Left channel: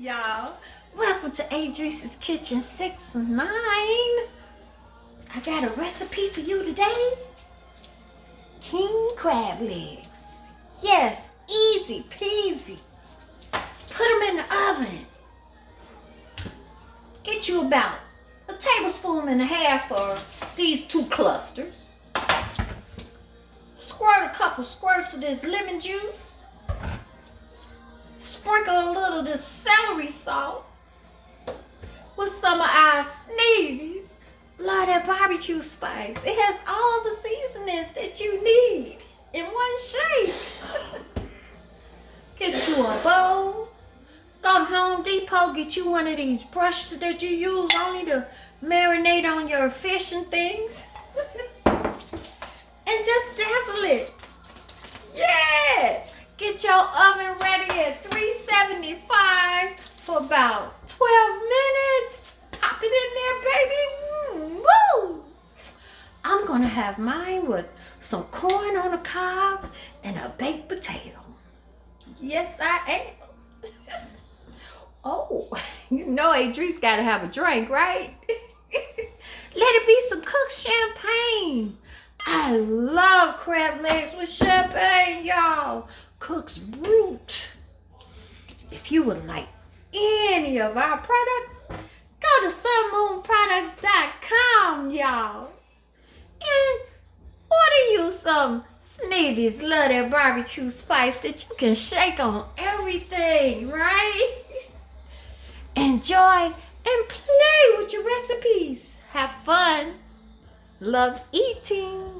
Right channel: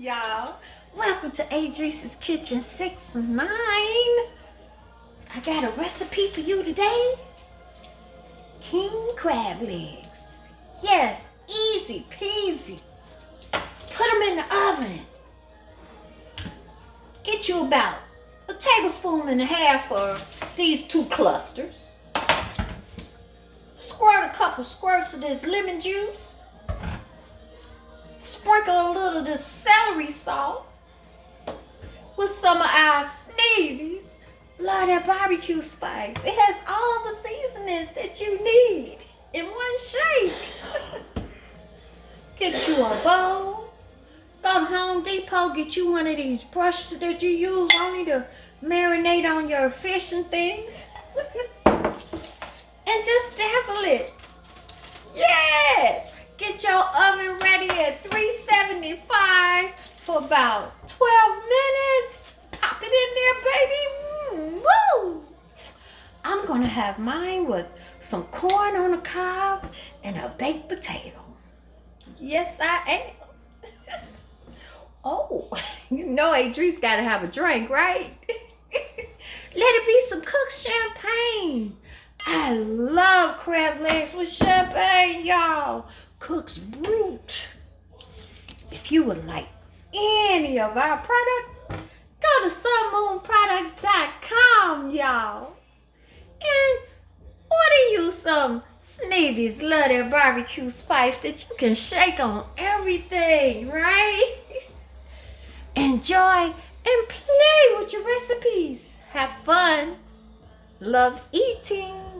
y'all. Welcome to Adrice's Kitchen 6-9. I got a recipe for you today. King crab legs. Yes, easy peasy. Put them in the oven. Get you about a tablespoon and a half of these 2 clusters. Squirt a couple squirts of this lemon juice. Sprinkle a little of this celery salt with some of our Sneevy Love That BBQ spice. It has all the seasonings that you need in one shake. Get you a bowl. Go to Home Depot, get you one of these brushes that you use only to marinate on your fish and things. And just dazzle it. Yes! Get your oven ready at 375 for about 12 minutes. Pop it in there, baby. Woo! I'm going to have mine with some corn on the cob and a baked potato. Yes, I am. Oh, you know Adrice got to have a drink, right? Let it be some cooked champagne. I love crab legs with champagne, y'all. Cook's Brute. If you would like any of our products, go to sunmoonproducts.com, y'all. And order you some Sneevy's Love That BBQ spice that you can shake on everything, right? Enjoy and play with your recipes. Have fun. Love eating.